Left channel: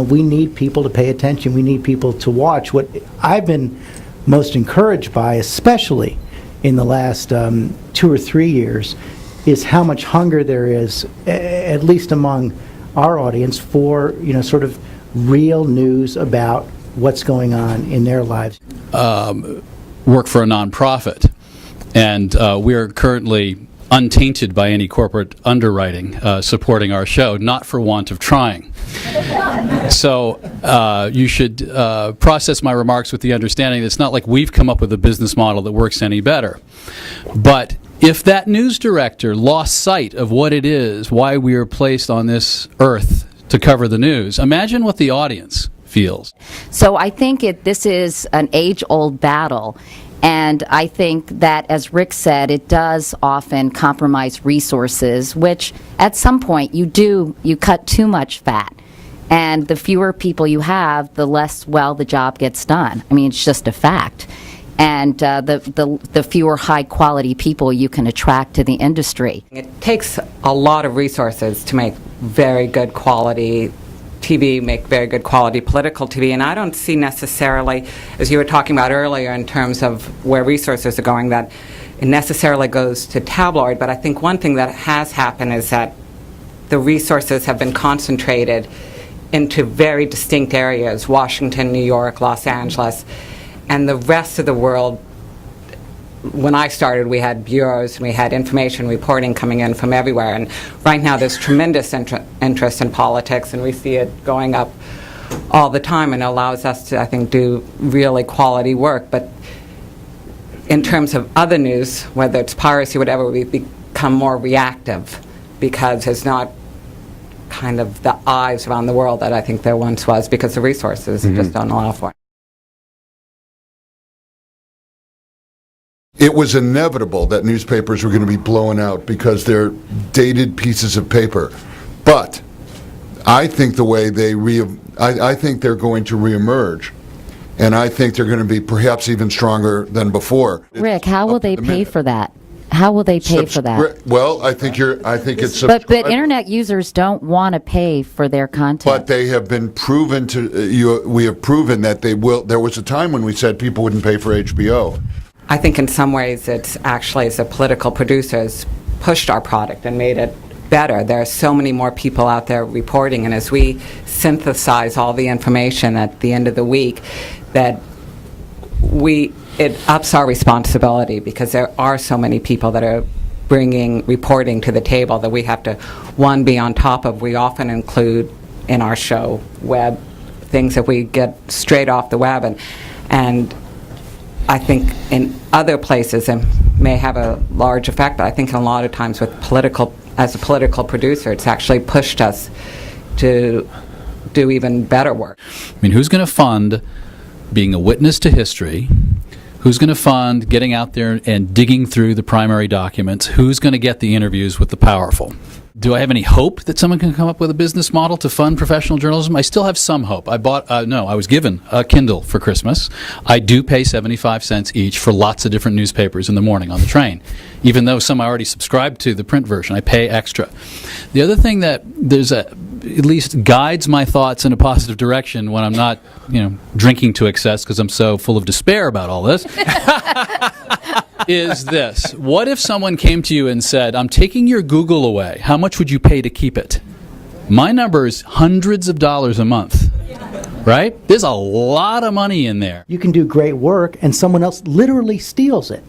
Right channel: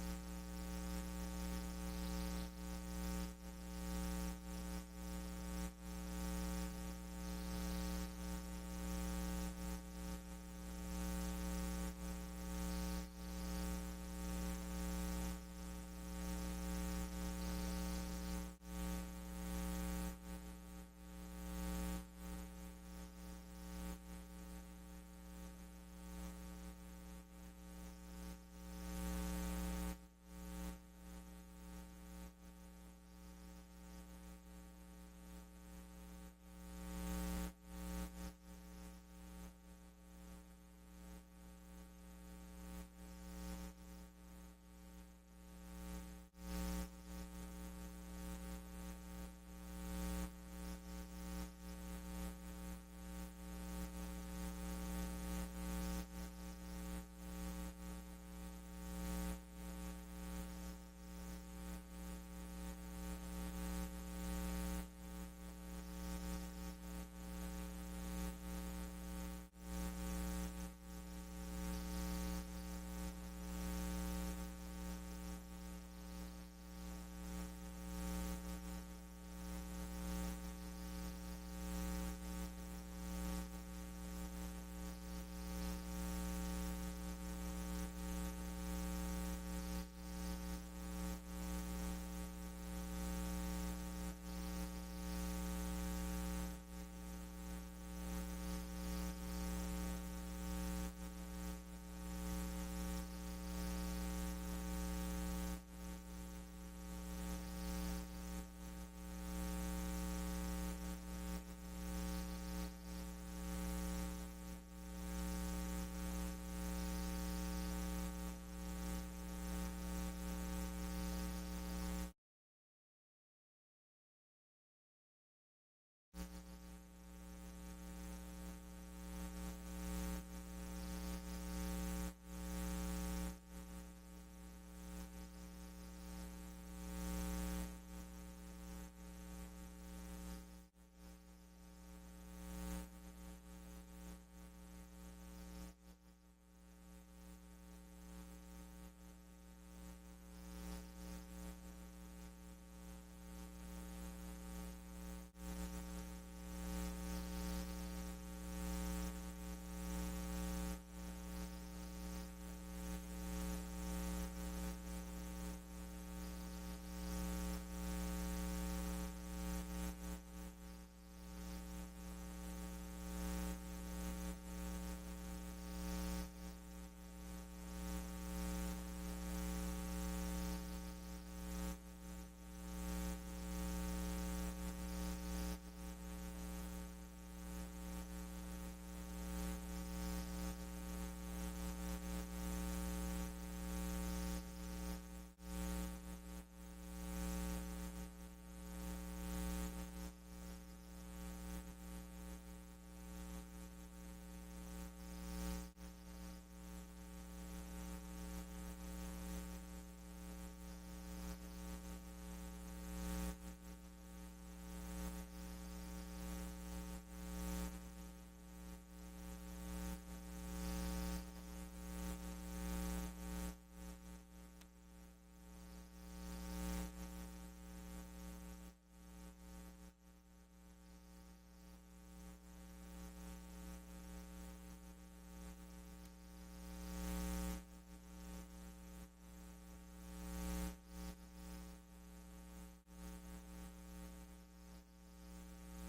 We need people to pay attention. We need people to watch. What I've been most encouraged by, especially in the last 2 or 3 years, is how much hunger there is, at least among our audience, for sort of real news about what's going on in their lives. Work for a nonprofit, and we are currently untainted by any corporate underwriting supporting our show, not for want of trying. So you should process my remarks with the understanding that it's not like we've come up with a business model that works any better. But if that news director lost sight of what it is, why we are placed on this earth to cover the news, imagine what the audience feels. So I think this is an age-old battle. And I think that, as Rick said, it does often compromise resources, which at some point you cut too much fat. And the fewer people you have, the less well the job gets done. I mean, it's just a fact. And the fewer high-quality people you can attract to the industry. It takes a lot of resources to make very good quality TV, make very good quality political TV, and I don't see necessarily, as you were talking about earlier in terms of where resources are going, that it necessarily goes to tabloid. But I think one thing that has happened is that the resources have been concentrated into very distinct areas: Washington, New York, Los Angeles, and the rest of the world. When I started, we had bureaus, and we had information reporting coming in from everywhere, and right now there's tremendous interest in politics, and we see it going up all the time, and it allows us to, I think, do really quality work. But in terms of other news, whether it's piracy, whatever, we've become more reactive because there's not kind of the eyes around the world that I think there once was, because the resources just don't allow for it. It was inevitable that newspapers were going to be blown out because they're dated pieces of paper. But I think the way I think they're going to reemerge, and I think they're going to be perhaps even stronger than before. Rick, how will they pay for that? How will they pay for that? Well, I think it's. But internet users don't want to pay for their content. But they have been proven to. We have proven that they will. There was a time when we said people wouldn't pay for HBO. I think in some ways it's actually, as a political producers, pushed our product and made it better. There are so many more people out there reporting, and as we synthesize all the information at the end of the week, that it ups our responsibility, because there are so many people that are bringing reporting to the table that we have to, one, be on top of. We often include in our show web things that we get straight off the web, and I think in other places it may have a large effect, but I think a lot of times with as a political producer, it's actually pushed us to do even better work. I mean, who's going to fund being a witness to history? Who's going to fund getting out there and digging through the primary documents? Who's going to get the interviews with the powerful? Do I have any hope that someone can come up with a business model to fund professional journalism? I still have some hope. I was given a Kindle for Christmas. I do pay 75 cents each for lots of different newspapers in the morning on the train. Even though some I already subscribe to the print version, I pay extra. The other thing that at least guides my thoughts in a positive direction when I'm not, drinking to excess because I'm so full of despair about all this, is this. What if someone came to you and said, I'm taking your Google away. How much would you pay to keep it? My number is hundreds of dollars a month. Right? There's a lot of money in there. You can do great work, and someone else literally steals it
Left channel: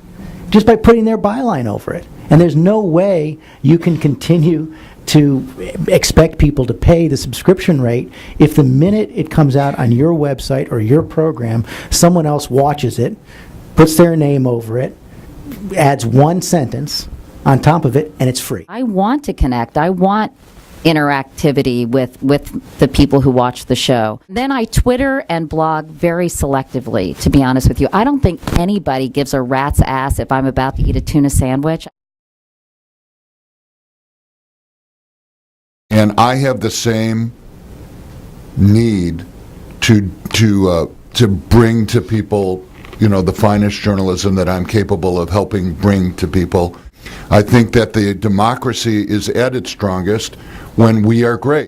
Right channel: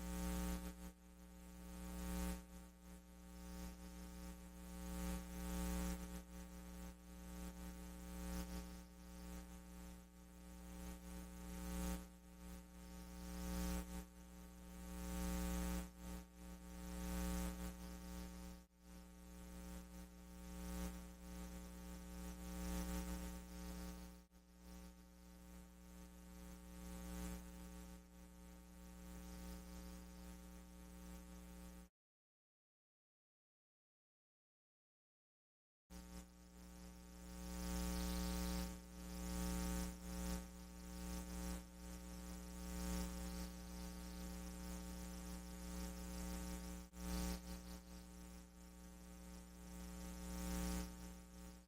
just by putting their byline over it. And there's no way you can continue to expect people to pay the subscription rate if the minute it comes out on your website or your program, someone else watches it, puts their name over it, adds one sentence on top of it, and it's free. I want to connect. I want interactivity with the people who watch the show. Then I Twitter and blog very selectively, to be honest with you. I don't think anybody gives a rat's ass if I'm about to eat a tuna sandwich. And I have the same need to bring to people, the finest journalism that I'm capable of helping bring to people. I think that the democracy is at its strongest when we are great.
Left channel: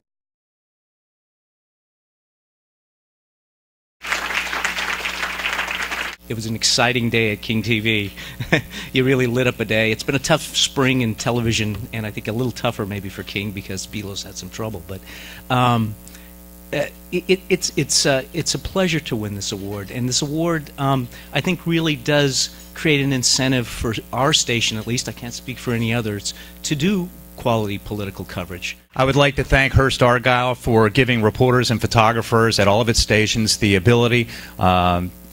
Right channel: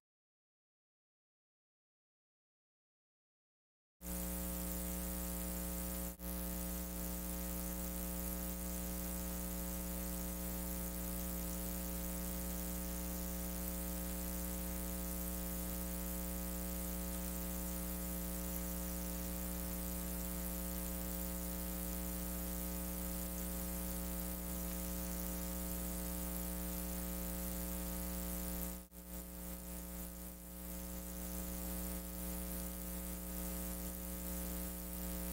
It was an exciting day at King TV. You really lit up a day. It's been a tough spring in television, and I think a little tougher maybe for King because Belos had some trouble. But it's a pleasure to win this award, and this award I think really does create an incentive for our station, at least. I can't speak for any others, to do quality political coverage. I would like to thank Hearst Argyle for giving reporters and photographers at all of its stations the ability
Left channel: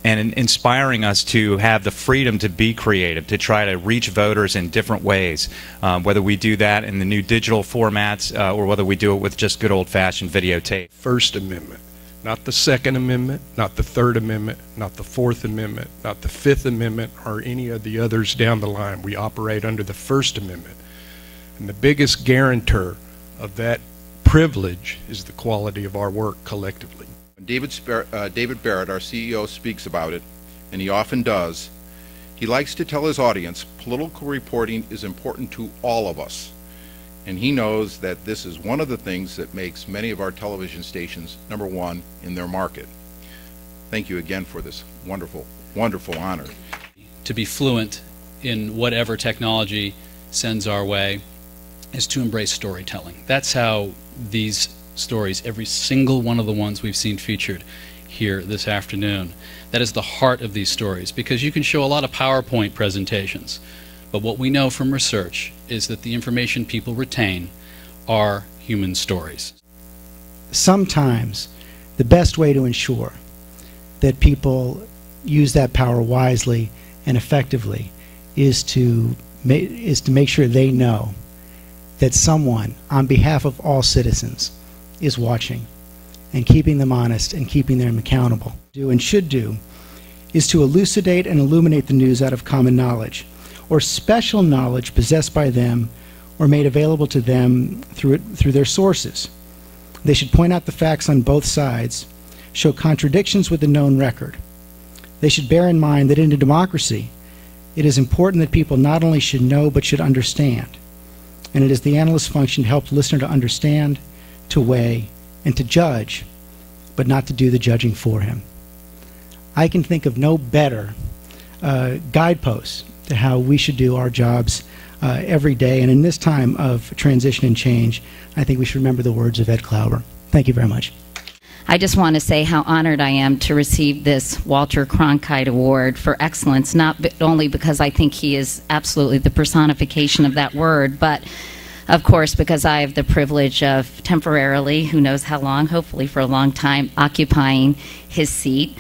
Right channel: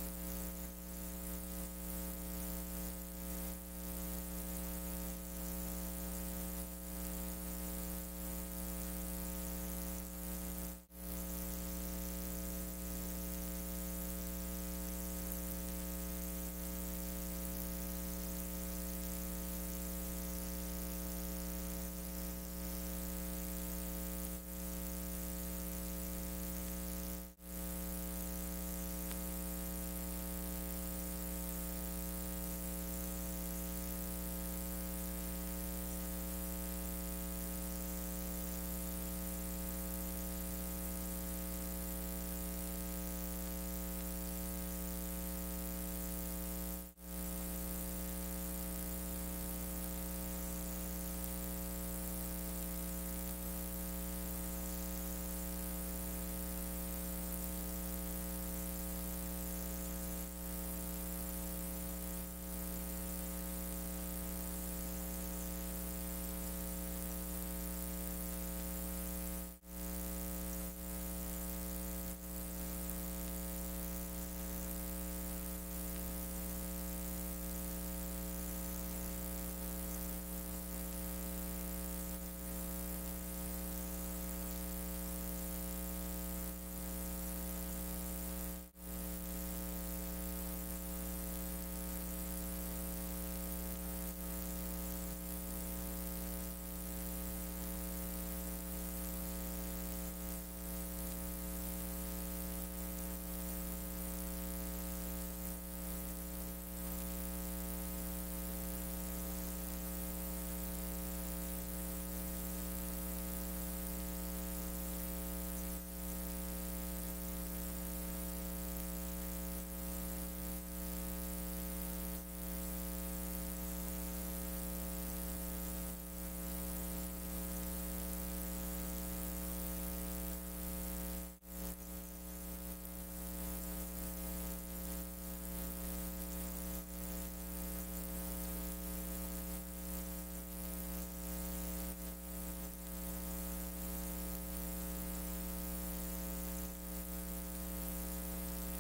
and inspiring us to have the freedom to be creative, to try to reach voters in different ways, whether we do that in the new digital formats or whether we do it with just good old-fashioned videotape. First Amendment, not the Second Amendment, not the Third Amendment, not the Fourth Amendment, not the Fifth Amendment, or any of the others down the line. We operate under the First Amendment. And the biggest guarantor of that privilege is the quality of our work collectively. David Barrett, our CEO, speaks about it, and he often does. He likes to tell his audience political reporting is important to all of us, and he knows that this is one of the things that makes many of our television stations #1 in their market. Thank you again for this wonderful, wonderful honor. To be fluent in whatever technology sends our way is to embrace storytelling. That's how these stories, every single one of the ones we've seen featured here this afternoon, that is the heart of these stories, because you can show a lot of PowerPoint presentations, but what we know from research is that the information people retain are human stories. Sometimes the best way to ensure that people use that power wisely and effectively is to make sure they know that someone, on behalf of all citizens, is watching and keeping them honest and keeping them accountable. Do and should do is to elucidate and illuminate the news out of common knowledge or special knowledge possessed by them or made available to them through their sources. They should point out the facts on both sides, show contradictions with the known record. They should bear in mind that in a democracy, it is important that people not only should know but should understand. And it is the analyst's function to help the listener to understand, to weigh, and to judge, but not to do the judging for him. I can think of no better guideposts to how we should do our jobs every day. And in this time of transition and change, I think we should remember the words of Ed Klauber. Thank you very much. I just want to say how honored I am to receive this Walter Cronkite Award for excellence, not only because I think he is absolutely the personification of that word, but of course because I have the privilege of temporarily, who knows how long, hopefully for a long time, occupying his seat.